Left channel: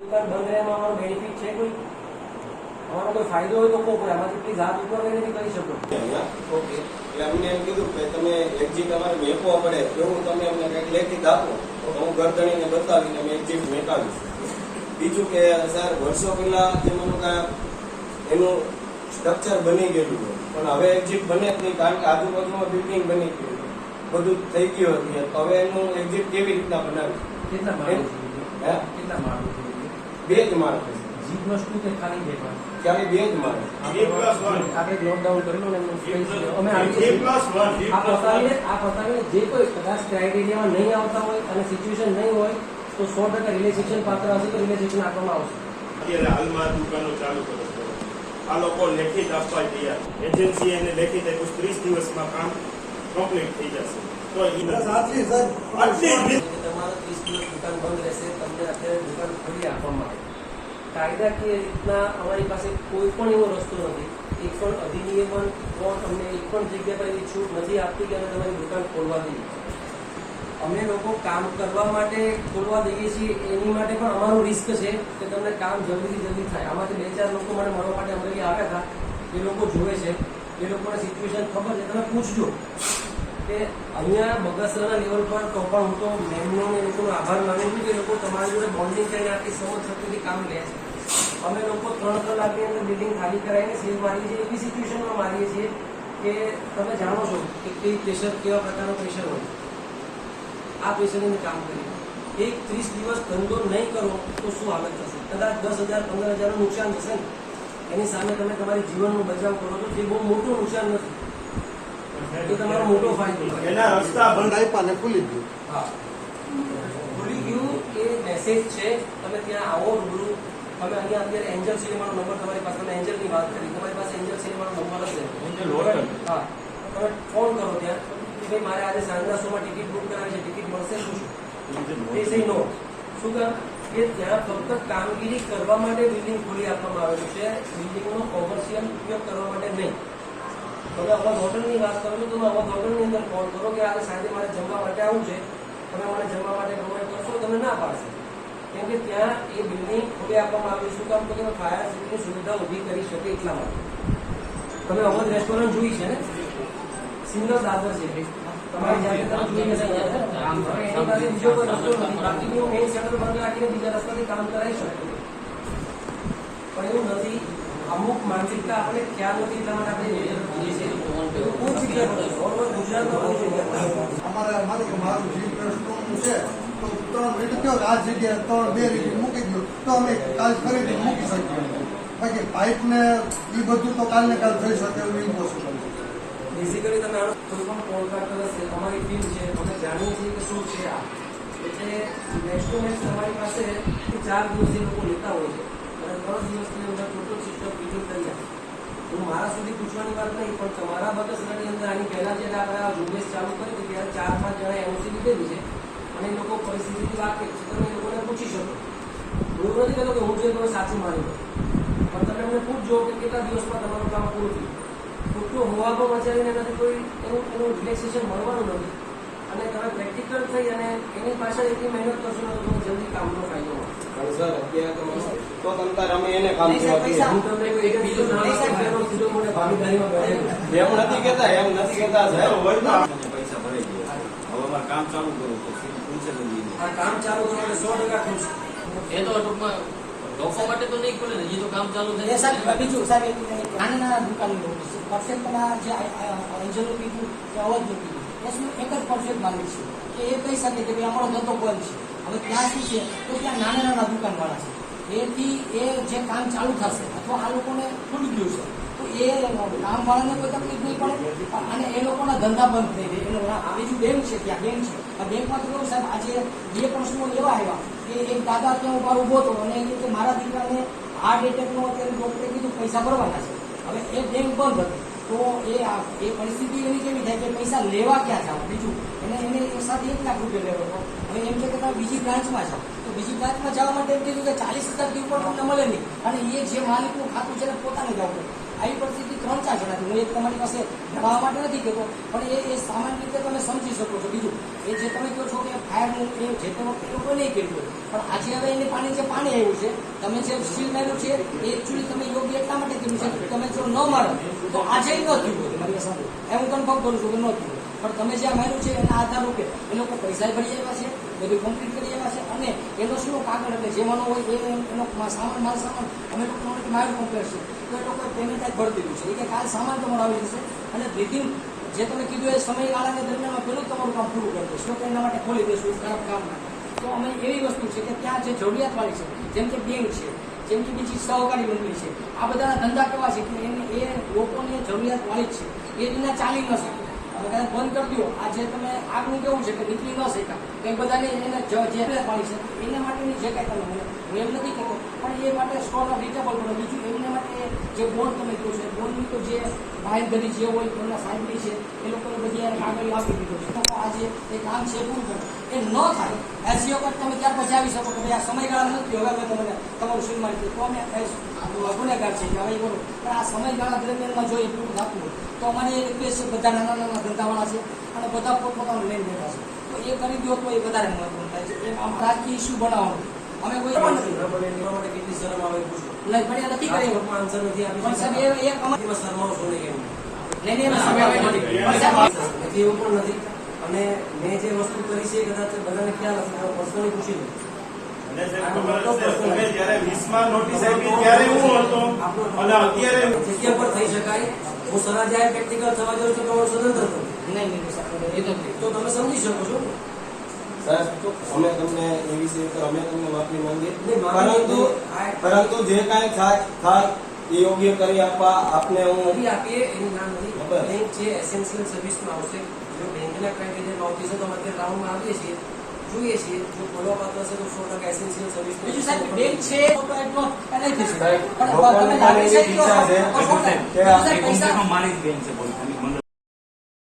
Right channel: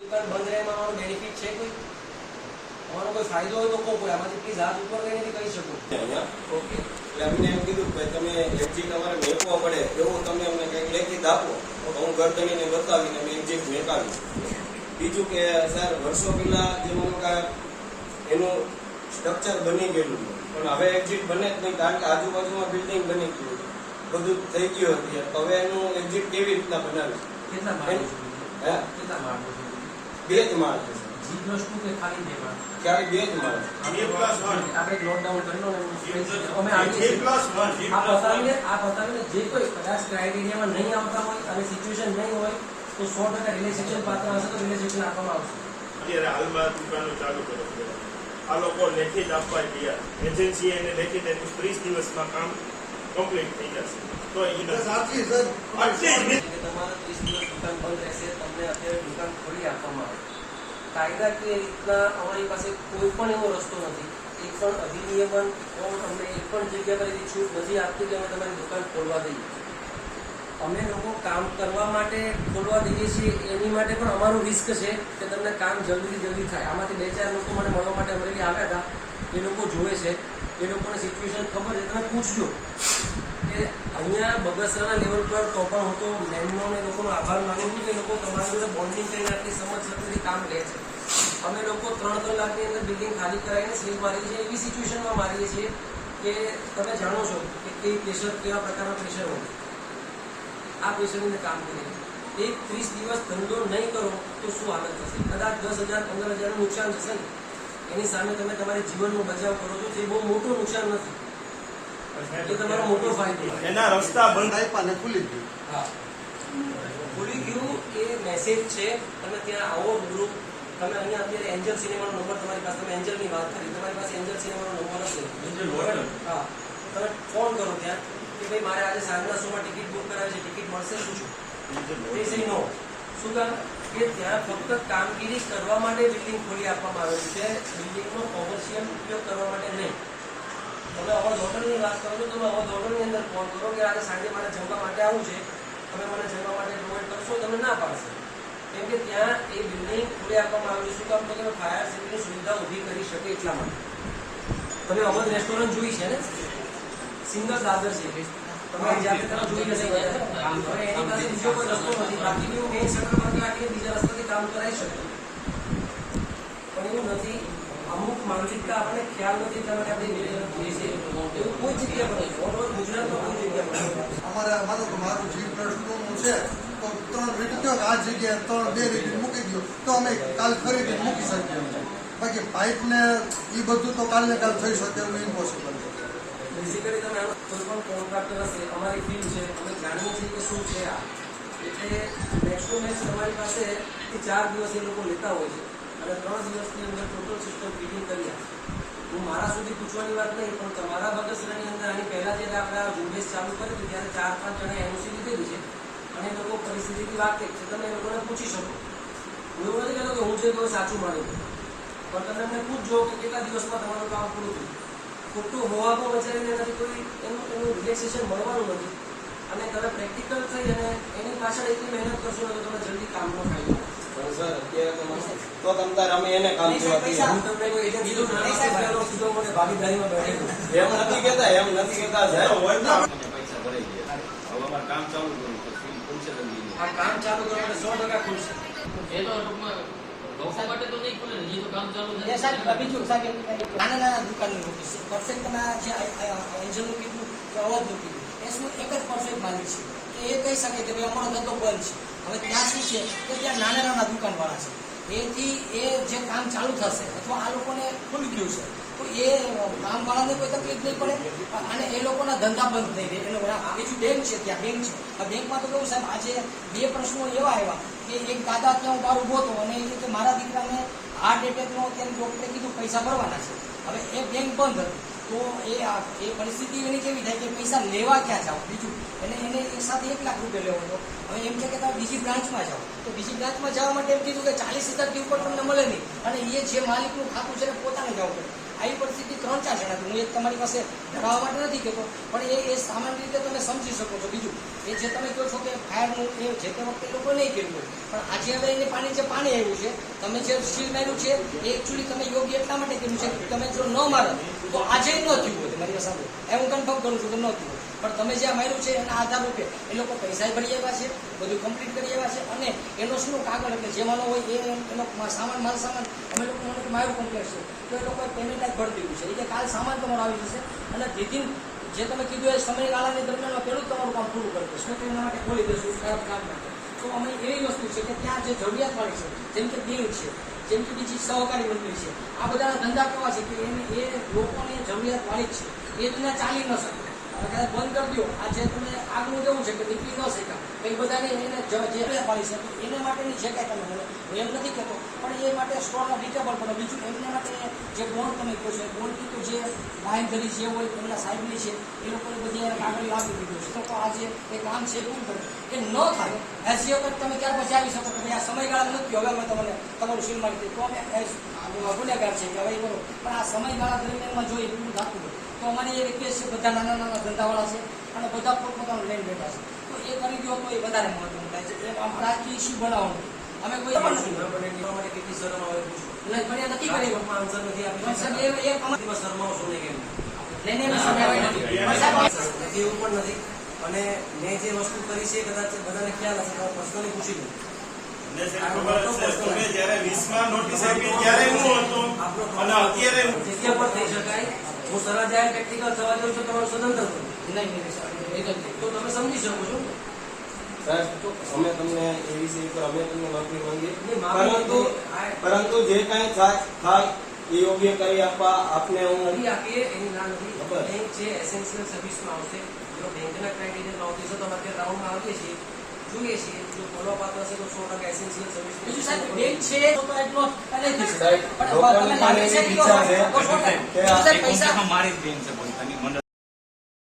દુકાન બંધ રહેવામાં અમારો બેનિફિટ છે કોઈ? અમારો કોઈ ફાયદો હોય તો કહો કોઈ આમાંથી પ્લીઝ હાથ ઉપર લઈને કહી શકો. ઓકે એટલે અમને એમ કીધું કે તમે એક્ઝિટ અમારે મેકવો પડે એવું તમે અમને કંઈક લેખિત આપો. તો હું ઘર ગરદણીને બતાવીને અમે એક્ઝિટ મેકાવી બીજું કે સર વર્ષો પહેલા એમનું કાંઈ એનું સ્ટ્રક્ચર બની ગયેલું પણ હવે એક્ઝિટ બને જ નહીં કારણ કે આજુબાજુમાં બિલ્ડિંગ બની ગયું બધું થઈ ગયું હતું હવે એનું એક્ઝિટ કેવી રીતના બનાવ્યું કેટલા માણસો હે? કેટલા માણસ બે જ માણસ કે ખાલી બે બે જ. આપણે અમે આ પતાવીને આ પતાવીને જે કોઈ કદાચ ક્રાઇટેરિયામાં નહીં આવતા હોય અને સિચ્યુએશન નહીં હોય તો સો ટકા રિલેક્સેશન પાત્ર હશે તો રિલેક્સેશન આપવામાં આવશે. અત્યારે હાલમાં દુકાનો ચાલુ કરો આ લોકો લેખિત આપવા તૈયાર. એજન્સી એને લેખિત ત્રીસ દિવસમાં કામ કમ્પ્લીટ થઈ જશે. તો એ સાચી સર તમારે ત્રીસ દિવસ દુકાન બંધ રહેશે તમને અત્યારે દુકાન ખોલી આપવામાં આવે કાયદાકીય રીતના અમારી પાસે કોઈ પણ એવો રસ્તો નથી. એક પણ અધિનિયમન કોર્ટ અમને એક પણ જગ્યા પર એવી છૂટ નથી આપતી કે અમે તમારી દુકાન ખોલવા દઈએ. અમે લોકો કામ કરવા માટે ખોલવા દઈએ છીએ એની માટે પણ અમારું રિસ્ક છે કે તમને કામ જલ્દીથી જલ્દી થાય. આમાંથી બે ચાર લોકો મને મળવા માટે અમરેલી આવ્યા હતા. એ લોકો જોવે છે. એ લોકોને સિચ્યુએશન ખબર છે. તમે પૂછજો. કે અહીંયા બગસરાના લેવલ પર તો પણ હું તો મેમનો ને લોકોનો આભાર માનું છું કે લોકો તમારી જોડે બોન્ડિંગ કરીને આટલી સમજ શક્તિથી કામ લે છે. અમે લોકો ત્રણ ત્રણ લાખની અંદર બિલ્ડિંગ ખાલી કરાવીને સીલ મારીએ છીએ. એવી સિચ્યુએશનમાં મારીએ છીએ કે તમે જાણો છો કે કઈ પ્રેશર કેવા પ્રકારનો પ્રેશર હોય. આ પ્રેશરની કામ કરીએ. એક ત્રીસ દિવસ ધંધો નહીં કરો તો શું હાલત થશે? કદાચ દસ હજાર, પંદર હજારનું નુકસાન થશે ને. એની સામે તમે તમારી જીવનનો બચાવ કરો છો. તે બહુ મોટું નુકસાન નથી. એ તમારો મોટો ફાયદો એના રસ્તા બંધ આપ્યા ને ખુલી ગયું. હા. ખુલી ગયું એ મેસેજ છે તમે ત્યાં આવો ગુરુ. તમે અહીંયા અત્યારે એન્જલ સિનેમાનો નંબર તમારી પાસે તમે એન્જલની વાત કરી. તમારી પાસે એન્જલ સિનેમાનો નંબર હશે. એન્જલ. હા. તમે ફોન કરો ત્યાં કે ભાઈ મારે આજે સાંજના શોમાં ટિકિટ બુક કરાવી છે. ટિકિટ મળશે શું સહી નો શું કામ? કે ત્યાં ફક્ત કામગીરી કરવા માટે બિલ્ડિંગ ખોલી આપવામાં આવેલું છે. બિલ્ડિંગનો કોમર્શિયલ ઉપયોગ કરવા માટે નહીં. તમે અવધ હોટલની વાત કરો છો તમે અવધ હોટલની અંદર ફોન કરો કે આજે સાંજે મારે જમવા માટે આવું છે તમે મને જમવા માટે પ્રોવાઈડ કરશો તમને ના પાડશે. કેમ કે ત્યાં એ બિલ્ડિંગ ખુલ્લી આપવામાં આવ્યું શું કામ? તો કે ફાયર સેફ્ટીની સુવિધા ઊભી કરી શકે એટલા માટે. તમે અવધ રેસ્ટોરન્ટ જોઈ છે ને? સિંગલ દાદર છે. તમે જોઈ હશે એની પાસે બીજો કોઈ રસ્તો નથી. બાકીની હું મેઇન બંધ રાખીને બીજા રસ્તાથી કામ કરાવી શકું. પણ એવું નથી. અમુક માનસિકતા આપણને ખ્યાલ નથી એટલા માટે આપણે છીએ. એવું કોઈ જગ્યા પર ગુજરાતમાં કોઈ જગ્યા અમારે મારું મારું જે પ્લસ છે તો ત્રણ મિનિટ કે આ જગ્યાએ ત્રણ બે રિપીટ મૂકી ગયો તો અમે કાલ ફરીથી મૂકી શકીએ. બાકી પાઇપ ને એ બધું તો કાલ ને કાલ થઈ શકે એવું ઇમ્પોસિબલ છે. બેઝિકલી તમે કોઈ પણ કોન્ટ્રાક્ટર હશે અમારી ટીમ છે અમે જાણીએ છીએ કે શું છે આ. એટલે નેક્સ્ટ ટુ નેક્સ્ટ તમારી પાસે ચાર દિવસ એ લોકો લેતા હોય છે. અને ત્રણ દિવસની અંદર ટોટલ સિસ્ટમ ફિટિંગ કરી આપે. હું મારા સુધી પૂછવાની વાત નહીં, પણ તમારા બગસરાની અંદર આની પહેલા જ્યારે આપણે આ ઝુંબેશ ચાલુ કરી ત્યારે ચાર પાંચ જણા એનઓસી લીધેલી છે. અને એ લોકો પરિસ્થિતિથી કરી છે તમે એ લોકોને પૂછી શકો. હું એવું નથી કહેતો કે હું જે કહું સાચું માની પણ તમે એમને પૂછજો કે કેટલા દિવસમાં તમારું કામ પૂરું થયું. ખોટું હોવામાં મચાવીને એનાથી કોઈ એનું એનું રિલેક્સેશન મળવાનું નથી. અને તમે પ્રેક્ટિકલ થઈ અને એની પાછળ એટલી મહેનત કરશો તો તમે જલ્દી કામનો ફાયદો સર અત્યારે તો તો તમ તાર અમે એને કામ કરવા દઈએ. હું તમને એક બીજું નામ આપવાનો સીધો મને ભાગીદારીમાં બેસાડી એમ નથી કહેતા એમ નથી કહેતા સાહેબ હોય તો પૈસા ભરાઈ ગયા. હવે અમારે કામ ચાલુ કરવું તો ખુલશે આ કામ ચાલુ કરવા માટે સો ટકા ખુલશે. એ તો ટૂંકમાં લોકો માટે તો નહીં ખુલે ને હજી તો કામ ચાલુ એ નથી સાહેબ બીજું સાહેબ નાના નાના દુકાનની છે. પરફેક્ટના જે એન્જલનું કીધું કે અવાજનું કીધું. એ શું એક જ પરફેક્ટ માલિક છે. કે એ કહી શકે કે ભાઈ અમારો ધંધો બંધ છે. હવે ત્યાં શું છે? કે ત્યાં નાના નાના દુકાનવાળા છે. એથી એ જે કામ ચાલુ થશે, અથવા આ લોકોને ખુલી ગયું છે, તો એ કામવાળાને કોઈ તકલીફ નહીં પડે. અને એ લોકોના ધંધા બંધ થઈ જાય. એ લોકો બીજું બેંક છે, ત્યાં બેંક છે. આ બેંકમાં તો કેવું સાહેબ, આજે બે પ્રશ્નો એવા આવ્યા કે એક દાદા ત્યાં ઊભા ઊભો હતો અને એ કે મારા દીકરાને હાર્ટ એટેકનો અત્યારે ડોક્ટરે કીધું, પૈસા ભરવાના છે. હવે એ બેંક બંધ હતી. તો એ આ- એ પરિસ્થિતિ એની કેવી થાય કે પૈસા લેવા ક્યાં જાવ બીજું. અને એને એ સાથે એક લાખ રૂપિયા લેવો હતો. હવે એમ છે કે તમે બીજી બ્રાન્ચમાં જાઓ. તો બીજી બ્રાન્ચમાં જવા માટે એમ કીધું કે ચાલીસ હજારથી ઉપર તમને મળે નહીં. અને એ જે માલિકનું ખાતું છે પોતાને જવું પડે. આવી પરિસ્થિતિ ત્રણ ચાર જણા હું એક તમારી પાસે જણાવવા માટે નથી કહેતો, પણ એ એ સામાન્ય રીતે તમે સમજી શકો છો. બીજું, એ જે તમે કહો છો કે ફાયરનું એ જે તે વખતે લોકો નહીં કર્યું હોય. પણ આજે હવે એને પાણી જે પાણી આવ્યું છે, તમે જે સ્ટીલ માર્યું છે, એ એકચ્યુઅલી તમે યોગ્ય એટલા માટે કર્યું છે કે તમે જો ન મારો, તો આજે ન થયું હોય. તમારી પાસે એ હું કન્ફર્મ કરું છું કે ન થયું પણ તમે જ્યાં માર્યું છે એના આધાર રૂપે એ લોકો પૈસા ભરી આવ્યા છે, બધું કમ્પ્લીટ કરી આવ્યા છે અને એનો શું કાગળ એટલે જેમાંનો હોય એ એનો સામાન, માલ સામાન અમે લોકો માર્યું મારું કોમ્પ્લેક્સ છે. તો એ લોકોએ પેમેન્ટ જ ભરી દીધું છે. એ કે કાલ સામાન તમારો આવી જશે અને વિધિન જે તમે કીધું એ સમયગાળાની દરમિયાન પેલું તમારું કામ પૂરું કરી દઈશું. તો એના માટે ખોલી દઈશું ખરાબ કામ તો અમે એવી વસ્તુ છે કે ત્યાં જે જરૂરિયાતવાળી છે, જેમ કે બેંક છે, જેમ કે બીજી સહકારી મંડળી છે, આ બધાના ધંધા કેવા છે કે એને, એ લોકોને જરૂરિયાતવાળી જ છે. એ રીતના ચાલી ન શકે. તમે કદાચ બંધ કરી દો. આ જે તમે આગનું કેવું છે કે નીકળી ન શક્યા. તો એ બધાને એને જ- પાડી શકે એના માટેની જે કાંઈ તમે હું એમ નથી કહેતો, પણ એ માટે સ્ટોરના ડિટેબલ પણ બીજું એમને માટે જે બોન્ડ તમે કહો છો બોન્ડની તો જે બાંધરી જે હોય એમના સાહેબની છે, એ લોકોને બધી યાર કાગળ આપી દીધો છે. લોકો આજે એ કામ છે પૂરું કરે? એ ન થાય. એસી વખત તમે ત્યાર પછી આવી શકો ભાઈ આ સમયગાળા નથી. હવે અમે તમને તમારું સીલ મળી તો અમે ગુનેગાર છે કે હવે કરો પણ આ સમયગાળા દરમિયાનમાં જો પૂરું થતું હોય, તો અમારી એ કેસ છે, બધા નાના નાના ધંધાવાળા છે અને બધા પોતપોતાનું લઈને બેઠા છે. તો એ કરી દો તો એ વધારે મહત્વનું થાય છે. એમ આમ રાજકીય ઇસ્યુ બનાવવાનું. અમે કોઈ માટે કેટલી શરમ આવે પૂછો. નહીં, પણ નથી કરી રાજકોટમાં આન્સર નથી આપી પણ સાહેબ એ એ અમારી એમાં શરમાવો છો ને કેમ? નહીં નહીં, નથી. એવું પણ નથી. અને મેં જે વસ્તુ કરી છે કદાચ બધાને ખ્યાલ હશે પર્સનલી પૂછી લો જગ્યા પર થઈ શકાય. હું પ્રેક્ટિકલ થવા છું તમારું સ્વતંત્ર નહીં નહીં. તો તમે સમજી શકો છો. સાહેબ અમે તમને એ વિશે ઉપર અમે તમને માફી માંગીએ નહીં, માફી પરંતુ આ- પરંતુ જે કાંઈ થાય થાય એ યોગ્ય કરી આપવા આપને હું કરી આપીએ એની ના નથી બરાબર. બેંક છે એસેન્શિયલ સર્વિસમાં આવશે જો બેંકના ક્રાઇટેરિયા નહોતી છે તો અમે અત્યારે રાઉન્ડમાં આવીએ છીએ જોઈએ છીએ જો બોલવા પાત્ર હશે તો સો ટકા એસેન્શિયલ સર્વિસ બીજું સાહેબ બેંક છે તો એટલો નહીં થઈ શકે. સાહેબ, પણ લોકોની તમે લાગે છે એવી ઈચ્છા છે તો સો ટકા. કે બીજું આ સાહેબ પૈસા મારી જ બેન છે બોલ તમે મને